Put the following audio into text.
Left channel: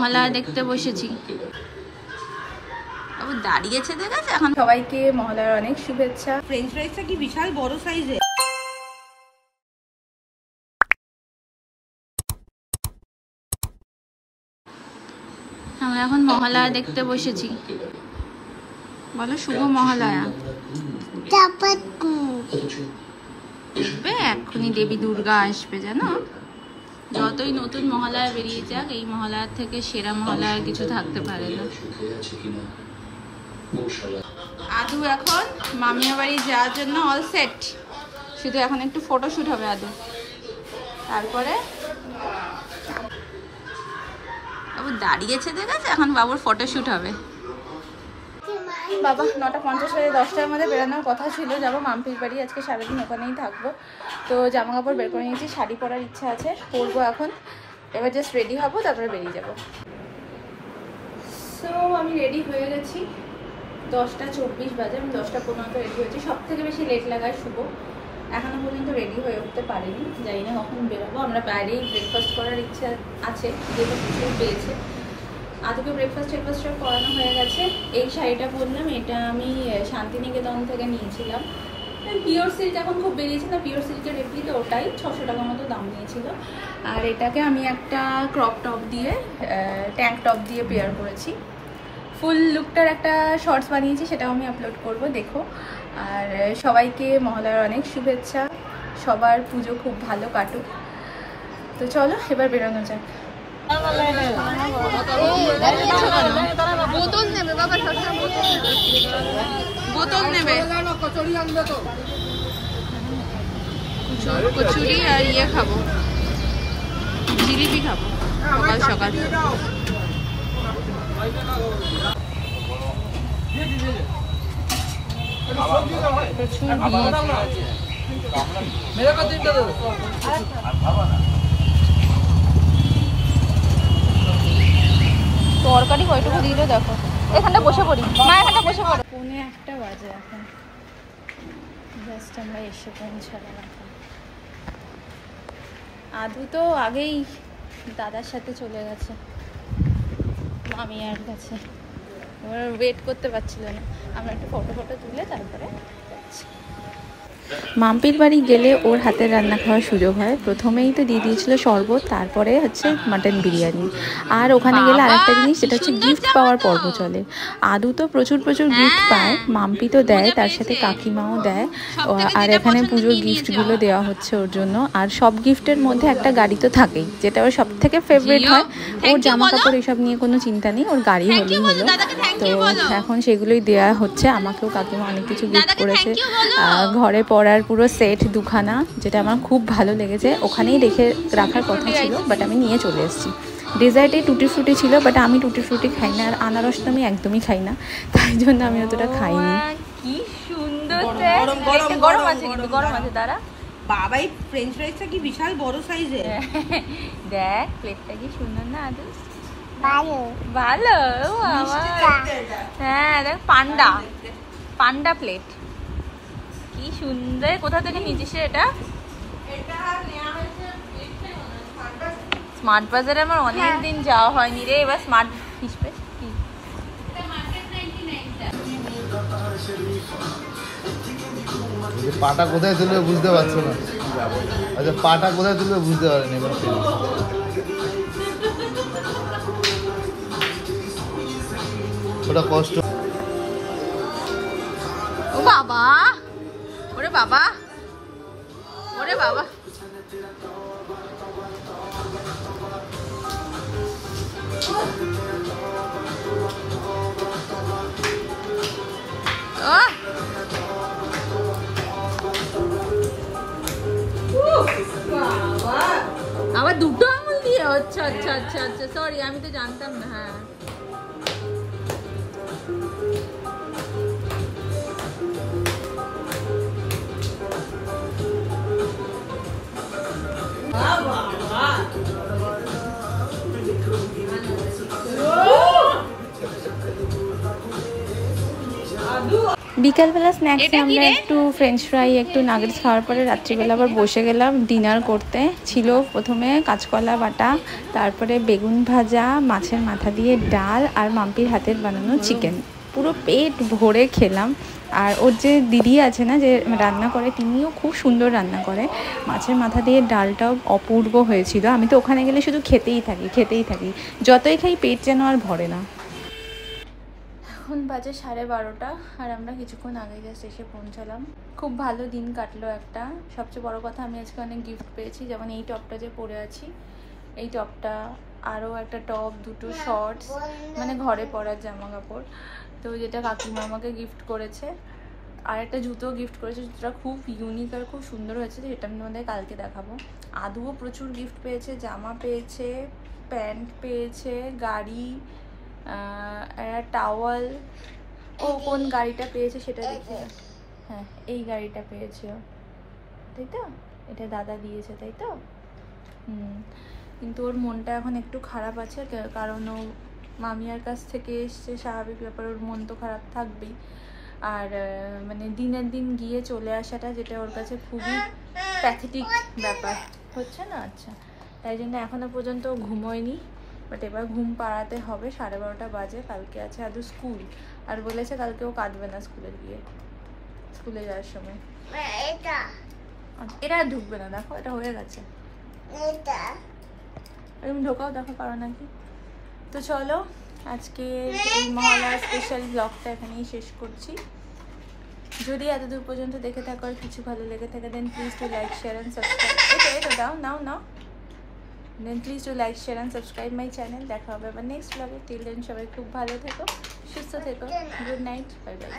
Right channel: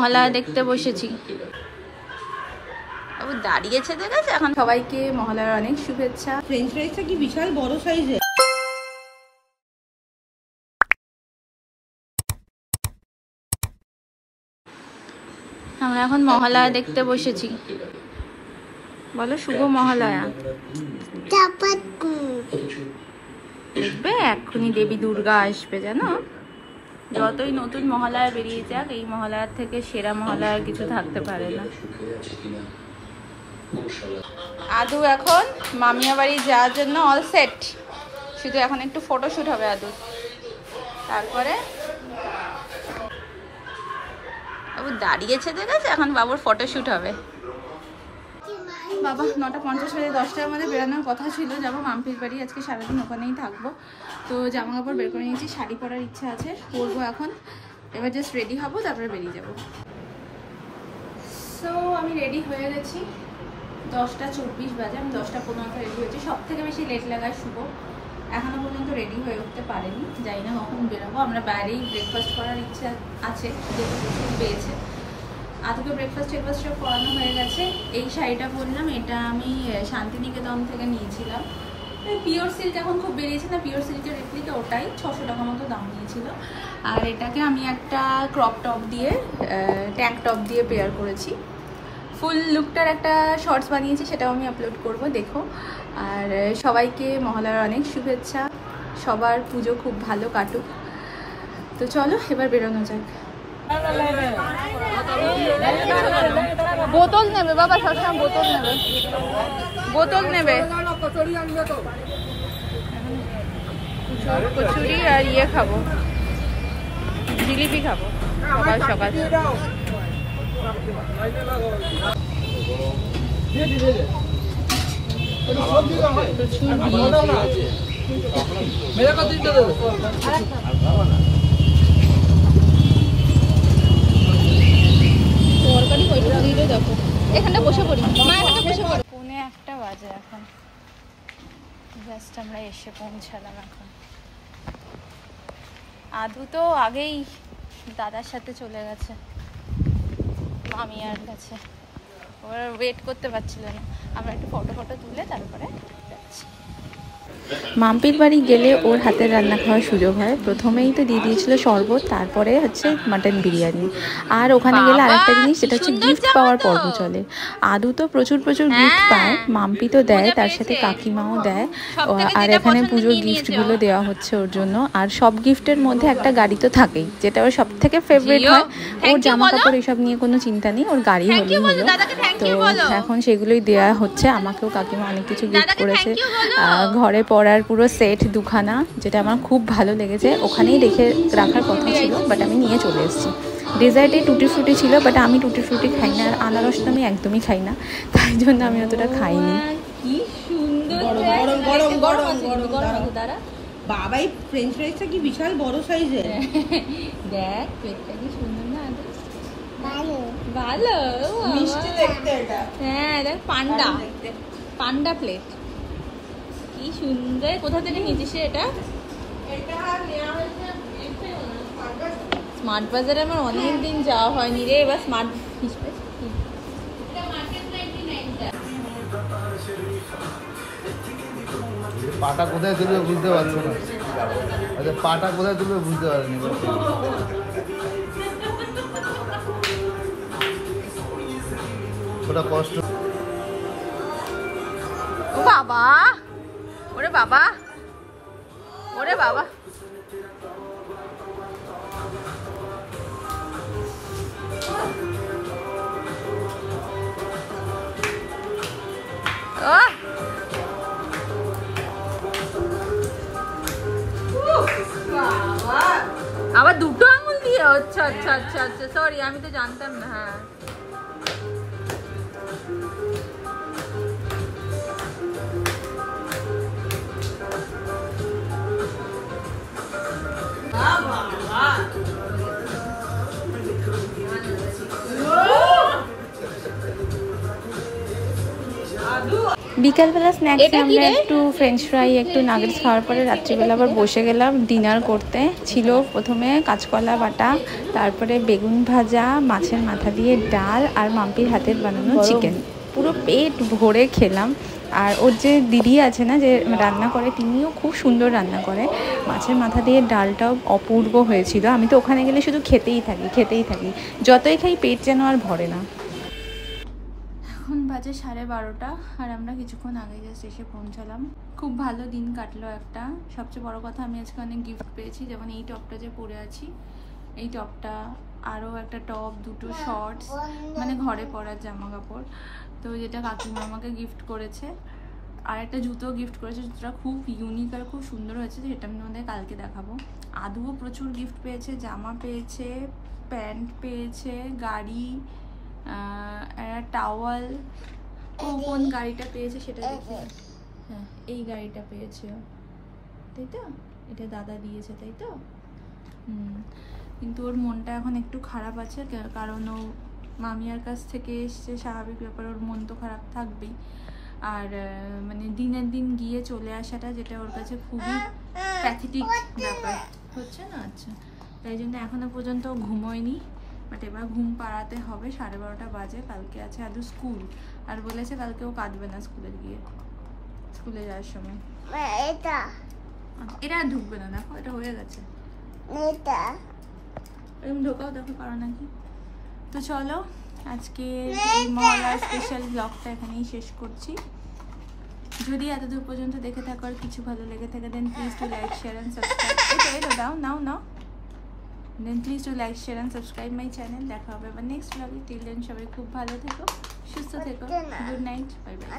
মহলা দেখতে বসেছি, দাঁড়িয়েছে দেখেছে। এখন সবাইকে মহলার অনেক শুভেচ্ছা। ফ্রেঞ্চ ফ্রাইসটা কি বিশাল বড় সাইজের। আমরা এখন মহলা দেখতে বসেছি। বলো শুভ মহালয়া। দেখবে এক্ষুনি দেবী দুর্গা আসবে, জানো। যতই নতুন মহালয়া বেরিয়ে যাক, এই মহালয়ার থেকে সেরা মহালয়া কিছু থাকতে পারে না। আদু এখন মামিয়া বাড়ি যাওয়ার জন্য অল সেট। শুধু এখন একটু ফটোশুট হবে আদু, তারপরে দাঁড়িয়েছে দেখেছে। এখন বাবুর ফটোশুট হবে। বাবা 9:50 থেকে 10টার মধ্যে বেরোনোর কথা ছিল, যাবো মাম্পির বাড়ি। আজকে সারাদিন ওখানেই থাকবো। তো জামা কাপড় বের করে নিয়েছি, শাড়ি পরার ইচ্ছা আছে, পরবো এখন। এবার জাস্ট রেডি হবো, তারপরে বেরিয়ে যাবো। সো আমি রেডি হয়ে গেছি। 10:24 বাজে, আমি 10:15 রেডি হয়েছি। সব থেকে বেশি লেট লাগায় শুভ, এখনো পর্যন্ত রেডি হয়ে উঠতে পারিনি। জানি না কখন বেরোবো। আমরা বাইরেই ব্রেকফাস্ট করার ইচ্ছা আছে, যেটা প্রচুর পেয়েছে। আজকে ব্রেকফাস্ট সব করানো হয়ে গেছে। এই শাড়িটা পরলাম, এটা আমি শান্তিনিকেতন থেকে নিয়েছিলাম। পিওর সিল্ক এখন খুব বেরিয়েছে না, পিওর সিল্কের রেপ্লিকা, ওটাই 600 টাকা মতো দাম নিয়েছিল। আর এটাকে আমি একটা ক্রপ টপ দিয়ে, ট্যাঙ্ক টপ দিয়ে পেয়ার করেছি। ফুল লুকটার একটা শর্টস বানিয়েছি, সেটাও আমি আপলোড করব, দেখো। আর সবাইকে মহালয়ার অনেক শুভেচ্ছা। সবার পুজো খুব ভালো কাটুক। তো চলো এবার বেরোনো যাক। বোতল নেবে বাবা, বোতল নেবে। কচুরি আর ইয়ে খাবো, জিলিপি খাবো সকাল সকাল। তরকারি কয়টুকু দিল দেখো। এখানে বসে পড়ি মা, এখানে বসে পড়ি। 1:45 বাজে এখন, জাস্ট আমরা এসে পৌঁছালাম এখন। আদু তো আগেই দাদার সাথে চলে গেছে মামিয়ার কাছে, ওরা ওয়েট করতে পারছিল না। আমরা একটু ফটো তুলে তারপরে যাচ্ছি। মাম্পির বাড়ি গেলে ওর হাতের রান্না খাওয়ার সুযোগ হয়। প্রথমেই তো দিয়ে দিয়েছিল শরবত, তারপরে হচ্ছে মাটন বিরিয়ানি। আর ওখানে গেলে আরেকটা জিনিস, সেটা হচ্ছে গিফট পাওয়ার পর্ব চলে। আদু তো প্রচুর গিফট পায়, মাম্পি তো দেয়, তার সাথে কাকিমাও দেয়। আর এখানে পুজোর গিফটগুলো দেওয়া হচ্ছে ওর জন্য। আর সব গিফটের মধ্যে একটা গাড়ি তো থাকেই, যেটা ওর সব থেকে ফেভারিট হয়। ওর জামা কাপড় এসব নিয়ে কোনো চিন্তা নেই, ওর গাড়ি হলেই হলো। তো এখন সেগুলোই দেওয়া হচ্ছে। আমাকেও কাকিমা অনেক কিছু গিফট করেছে। ঘরে পরার পুরো সেট 2খানা, যেটা আমার খুব ভালো লেগেছে। ওখানেই রাখার কথা ছিল, বাট আমি নিয়ে চলে এসেছি। ডেজার্টে টুটি ফ্রুটি ছিল, বাট আমি টুটি ফ্রুটি খাই না। আর আনারস তো আমি একদমই খাই না, তাই জন্য আমি অতটা খাইনি। কি সুন্দর গরম গরম গরম গরম আছে দাঁড়া। বাবা এই ফ্রেঞ্চ ফ্রাইসটা কি বিশাল বড় সাইজের। দেখ প্লেটটা কি সুন্দর না আদু। ভালো ভালো। হ্যাঁ দেখ, পান্ডা প্লেট, কি সুন্দর। কোথা থেকে নিয়েছিস এটা? স্মার্ট বাজারে আমার অনেকদিন যাওয়া হয়নি রে, এবার স্মার্ট হিসেবে। পাটা কোথায় তুলবে বুঝতে পারছো না। আচ্ছা পাটা কোথায় তুলবে বুঝতে পারেনি। ওটা কষ্ট। ও বাবা, ওরে বাবা, ওরে বাবা। আবার দুটো আঙুল দিয়ে? আচ্ছা আচ্ছা আচ্ছা আচ্ছা, সরি, আমি তো জানতাম না। হ্যাঁ বিকালবেলা স্ন্যাক্সে আমরা একটু ফ্রেঞ্চ ফ্রাই একটু নাগেটস খাওয়ার পরে রাত্রিবেলা আবার বসে গেলাম ডিনার করতে। ছিল প্রথমে কাঁচকলা বাটা, তারপরে বেগুন ভাজা, মাছের মাথা দিয়ে ডাল আর মাম্পির হাতের বানানো চিকেন। পুরো পেট ভরে খেলাম। আর ওর যে দিদি আছে না, যে রান্না করে, তিনিও খুব সুন্দর রান্না করে। মাছের মাথা দিয়ে ডালটাও অপূর্ব হয়েছিল। আমি তো ওখানে গেলে শুধু খেতেই থাকি, যতই খাই পেট যেন আর ভরে না। এখন বাজে 12:30 আর আমরা কিছুক্ষণ আগে জাস্ট এসে পৌঁছালাম। খুব ভালো দিন কাটলো একটা। সবচেয়ে বড় কথা, আমি আজকে অনেক গিফট পেয়েছি। যেমন এই টপটা যে পরে আছি, এই টপটা, আরও একটা টপ, দুটো শর্টস, মানে ঘরে পরার জামা কাপড়, তো যেটা কাকিমা আমাকে গিফট করেছে। আর একটা জুতো গিফট করেছে, যেটা খুব ইউনিক আর খুব সুন্দর হয়েছে, যেটা আমি তোমাদের কালকে দেখাবো। আদুও প্রচুর গিফট পেয়েছে, জামা পেয়েছে, প্যান্ট পেয়েছে, গাড়ি, টাওয়াল। ও কোন গাড়িটা পেয়েছে সেটা দেখি। হ্যাঁ, এই গাড়িটা পেয়েছে, তাই তো? এটা দাদা দিয়েছে, তাই তো? কিন্তু ওর মনটা এখন একটু খারাপ আছে, কারণ ও মামিয়ার কাছ থেকে এসছে, স্বাভাবিক ব্যাপার, ওর মন তো খারাপ থাকবেই। আর মানে দিনের দিন গিয়ে চলে আসাটা, যেটা ওর কাছে খুবই প্যাথেটিক ব্যাপার হচ্ছে না। আচ্ছা, তাই জন্য এখনো পর্যন্ত ঘুমোয়নি, বাট এবার ঘুম পাড়াতে হবে। 12:30 বাজে। কালকে আছে আদু স্কুল, আর বলেছে কালকে ও কাঁদবে না স্কুলে যাওয়ার সময়। এটা আর ঢুকবে না, দেখো এটা হয়ে গেছে, এরকম ঢোকাও, দেখো পারো নাকি। তো চলো, আজকে এই মহালয়া স্পেশাল ব্লগটা এখানেই শেষ করছি। যদি এতদূর পর্যন্ত দেখে থাকো আর কিছু ভালো লেগে থাকে, then please to like, share and subscribe. এটা দাও, নাও। Then please to like, share and subscribe my channel. দেখা হবে আবার নেক্সট ব্লগে। টিল দেন সবাই খুব ভালো থেকো, সুস্থ থেকো। Good night, bye bye.